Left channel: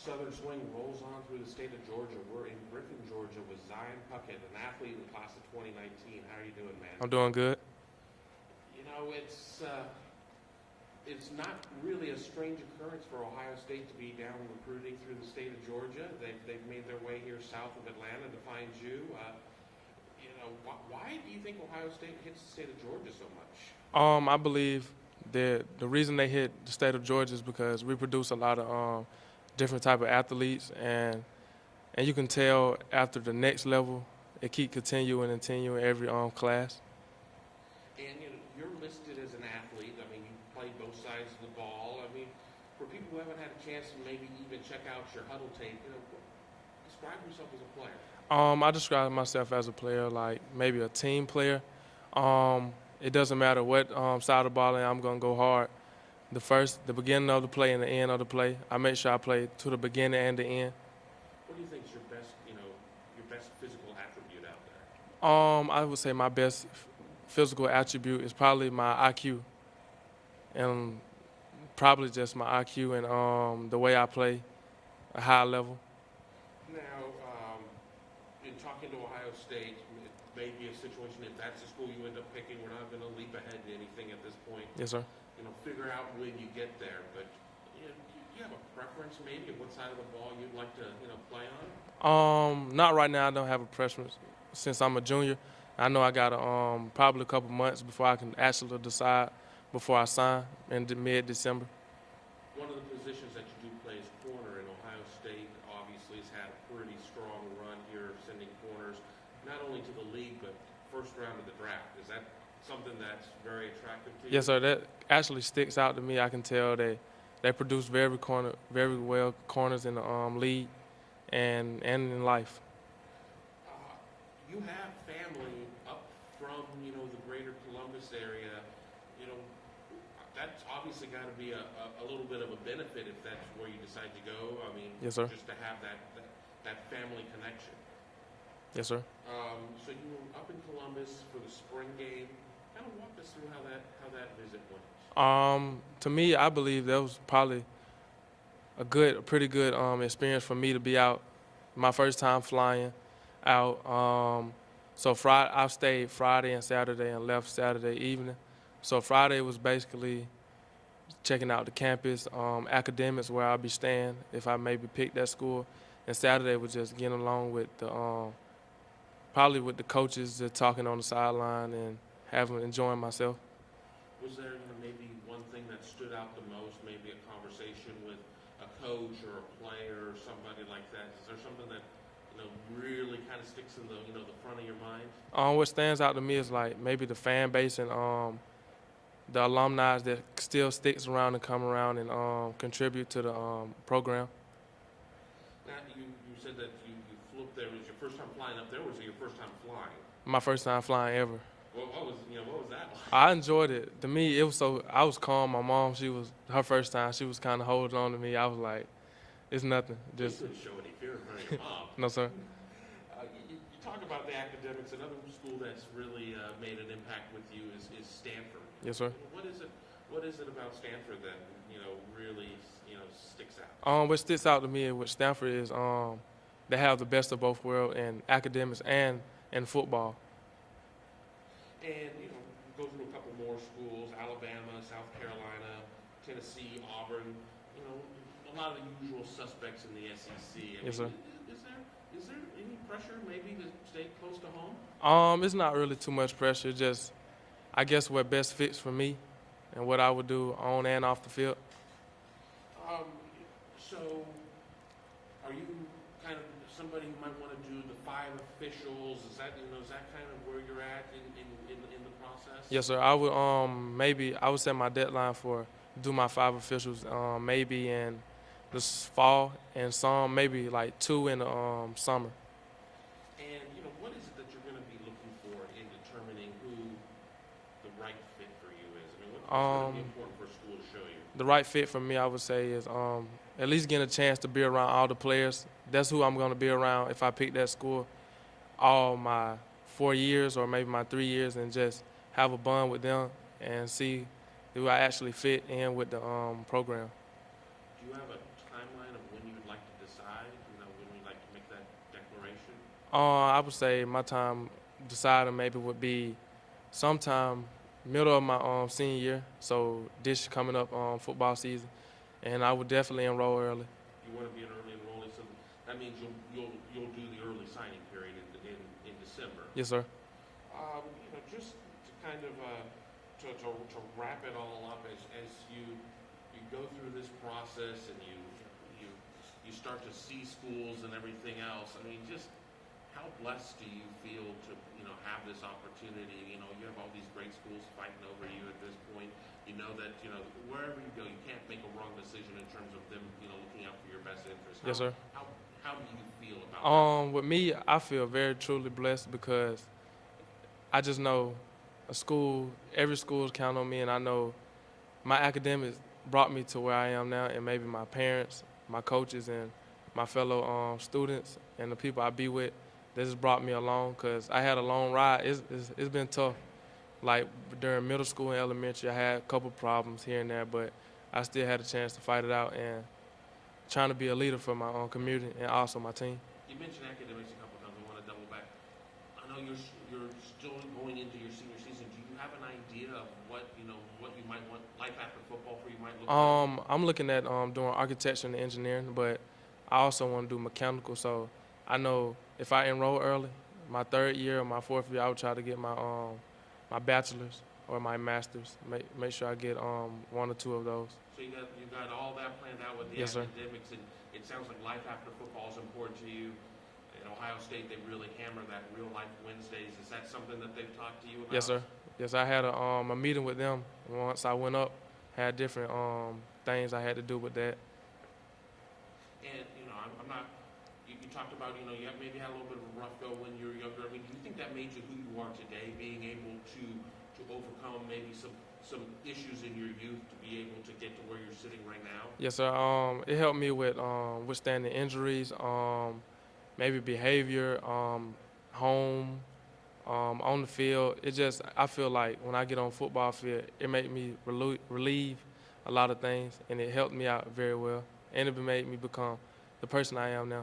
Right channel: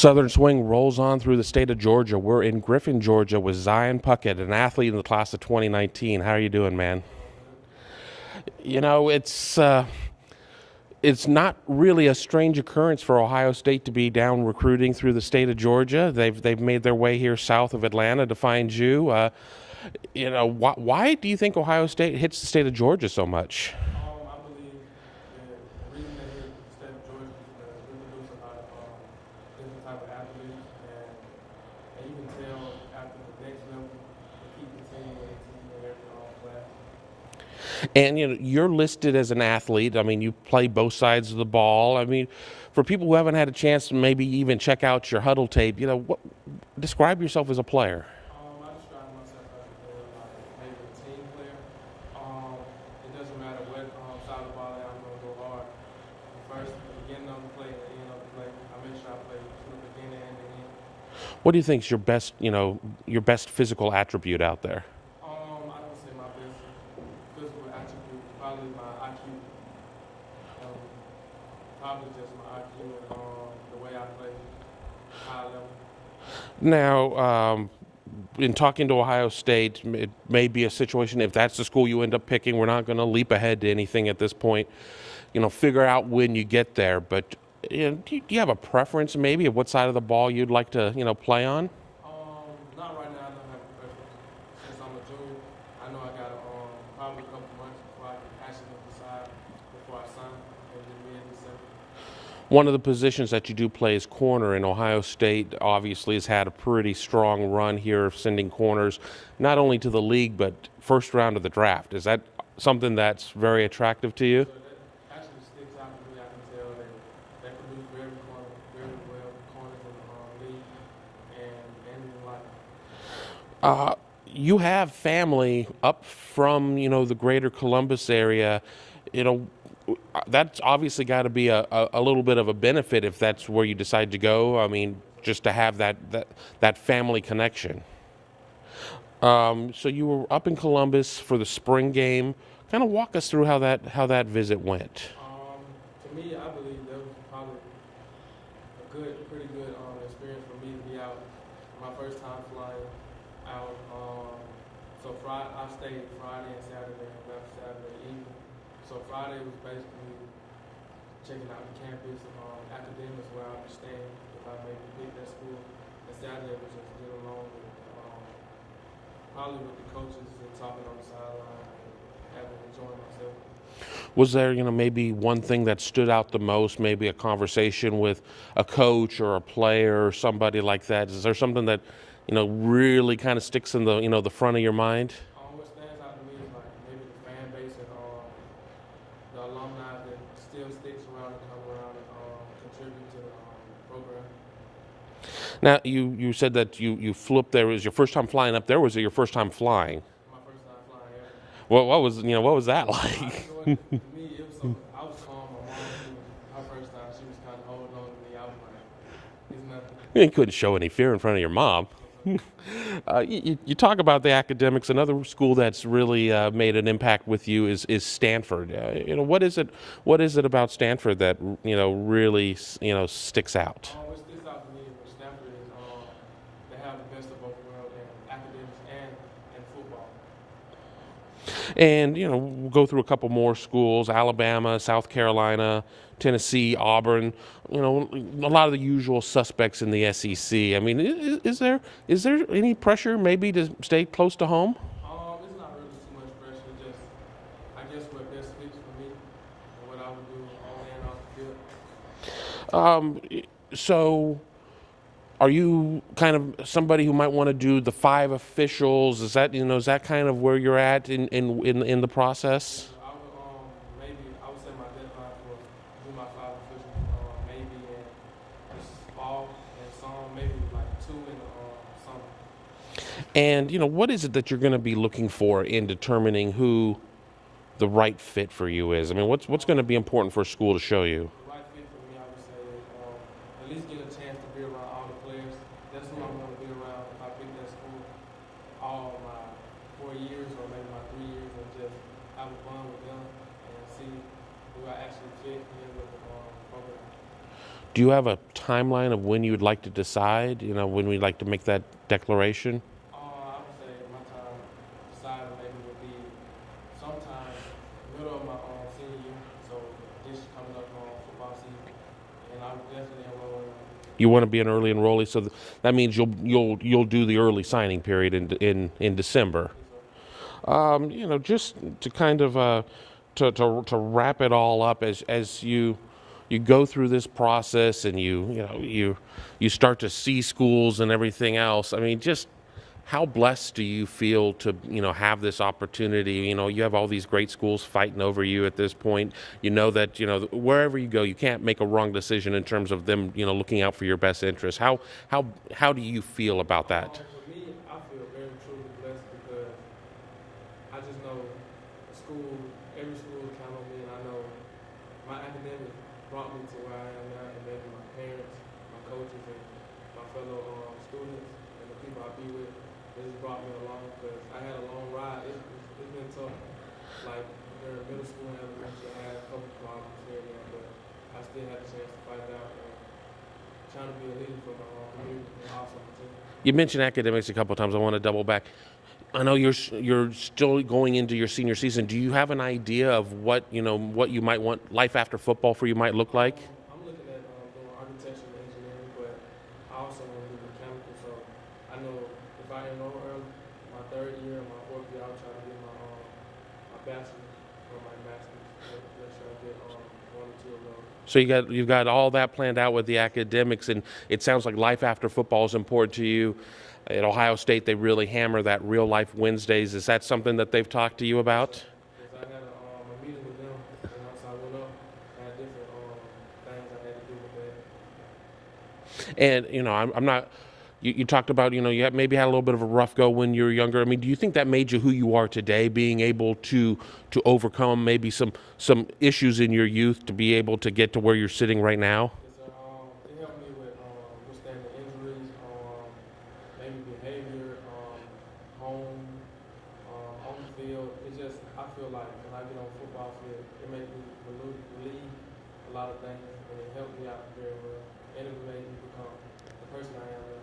Southern Swing rolls on through the state of Georgia. We're in Griffin, Georgia with Zion Puckett, an athlete in the class of 2019. How are you doing, man? I'm doing good. You know, it's not really a strange occurrence for Ohio State to be down recruiting through the state of Georgia. They've made their way here south of Atlanta to find you. Why do you think Ohio State hits the state of Georgia so much? I believe that the reason they hit the state of Georgia is because we produce a lot of different type of athletes, and you can tell after the next level, it keep continuing and continuing every class. And you're listed as an athlete. I mean, you play both sides of the ball. I mean, for people who haven't had a chance to maybe even check out your huddle tape, describe yourself as a player. I describe myself as a player, like maybe a team player. It doesn't matter what side of the ball I'm gonna go hard. The beginning of the play and the end of the play, I make sure I play to the beginning and the end. What do you think is your best physical attribute out there? I would say my best physical attribute is probably my IQ, and probably just my IQ and the way I play a high level. Now, in talking to Ohio State, it may be a situation, if that's the school you end up picking, we're not going to leap ahead to anything at this point. Yes, sir. Figure out when you get there. But do you have a preference maybe of what side of the ball you'd like to, play on? Not right now. I don't have a preference. Since I'm a junior, I know I got probably a couple months before I can actually decide before I sign in mid-December. One of the positions that you do play is corner, and Ohio State obviously has had a pretty strong run here of sending corners, not only to the league, but first round of the draft. Is that something that's very attractive to you? Yes, sir. That actually sticks out to me. I can tell they produce very well corners in the league and in life. You have family up from, the greater Columbus area. That's obviously got to be a little bit of a benefit if that's where you decide to go. I mean, Yes, sir. just to have that family connection. Yes, sir. So you were up in Columbus for the spring game. Kind of walk us through how that visit went. To me, I believe that was probably a pretty good experience for me to be out. My first time flying out. So I stayed Friday and Saturday and left Saturday evening. So Friday was basically checking out the campus, academics where I'll be staying if I maybe pick that school. And Saturday was just getting along with probably with the coaches, just talking on the sideline and enjoying myself. Was there, maybe one thing that stood out the most, maybe a conversation with a coach or a player or somebody like that? Is there something that, really kind of sticks in the front of your mind? What stands out to me is like maybe the fan base and the alumni that still sticks around and come around and contribute to the program. Now, you said that you flew up there. Was your first time flying up there? Was it your first time flying? My first time flying ever. What was that like? I enjoyed it. To me, it was I was calm. My mom, her first time. She was kind of holding on to me. I was like, it's nothing. You couldn't show any fear in front of your mom. No, sir. You talk about the academics. Another school that's really made an impact with you is Stanford. Sure. What is it about Stanford that really sticks out? What sticks out to me with Stanford is they have the best of both worlds in academics and in football. And we'll go through a couple more schools: Alabama, South Carolina, Tennessee, Auburn. A lot of the usual suspects in the SEC. I mean, is there any pressure maybe to stay close to home? It's not really too much pressure. Just, I guess what best fits for me and what I would do on and off the field. So, are you kind of somebody who might want to do the 5 officials? Is that kind of where you're at in the process? Yes, sir. I would set my deadline for do my 5 officials maybe in this fall and some maybe like 2 in the summer. And what is it that you're going to be looking for in determining who the right fit for you is? I mean, what's going to be important for a school to show you? The right fit for me, I would say, is at least getting a chance to be around all the players. That's who I'm going to be around if I pick that school all my 4 years or maybe my 3 years, and just have a bond with them and see do I actually fit in with the program. Do you have a timeline of when you would like to decide? You know, when we'd like to make that declaration? I would say my time deciding maybe would be sometime middle of my senior year. So this coming up football season, and I would definitely enroll early. You want to be an early enrollee, so that means you'll do the early signing period in December. Yes, sir. You know, just to kind of to wrap it all up as you go through this process and you start to see schools and everything else. I mean, just how blessed do you feel to have this opportunity? You know, you have all these great schools fighting over you at this point. You know that wherever you go, you can't make a wrong decision in terms of them looking out for your best interest. Yes, sir. How do you feel about that? With me, I feel very truly blessed because I just know every school is counting on me, and I know my academics brought me to where I am now, and maybe my parents, my coaches, and my fellow students and the people I be with, they just brought me along because I had a long ride. It's been tough. Like during middle school and elementary, I had a couple problems here and there, but I still had a chance to fight it out and trying to be a leader for my own community and also my team. You mentioned academics a couple of times. I want to double back. I know you're still going into your senior season. Do you have an idea of what you might want life after football for you might look like? I'm looking at doing architecture and engineering, but I also want to do mechanical. So I know if I enroll early, my third year or my fourth year, I would try to get my bachelor's or my master's. Make sure I get one or two of those. So you've got all that planned out with the Yes, sir. academics, and it sounds like life after football is important to you. At Ohio State, they really hammer that real life Wednesdays. Is that something that they've talked to you about? Yes, sir. Yes, I had a meeting with them once I went up. Had different things I had to do with that. And I'm not. You talked about you maybe had a little bit of a rough go when you were younger. I mean, do you think that made you who you are today, being able to overcome maybe some issues in your youth to be able to get to where you're sitting right now? Yes, sir. It helped me with withstanding injuries, maybe behavior, home, on the field. I feel like when I get on the football field, it made me relieve a lot of things, and it helped me out very well, and it made me become the person I am now.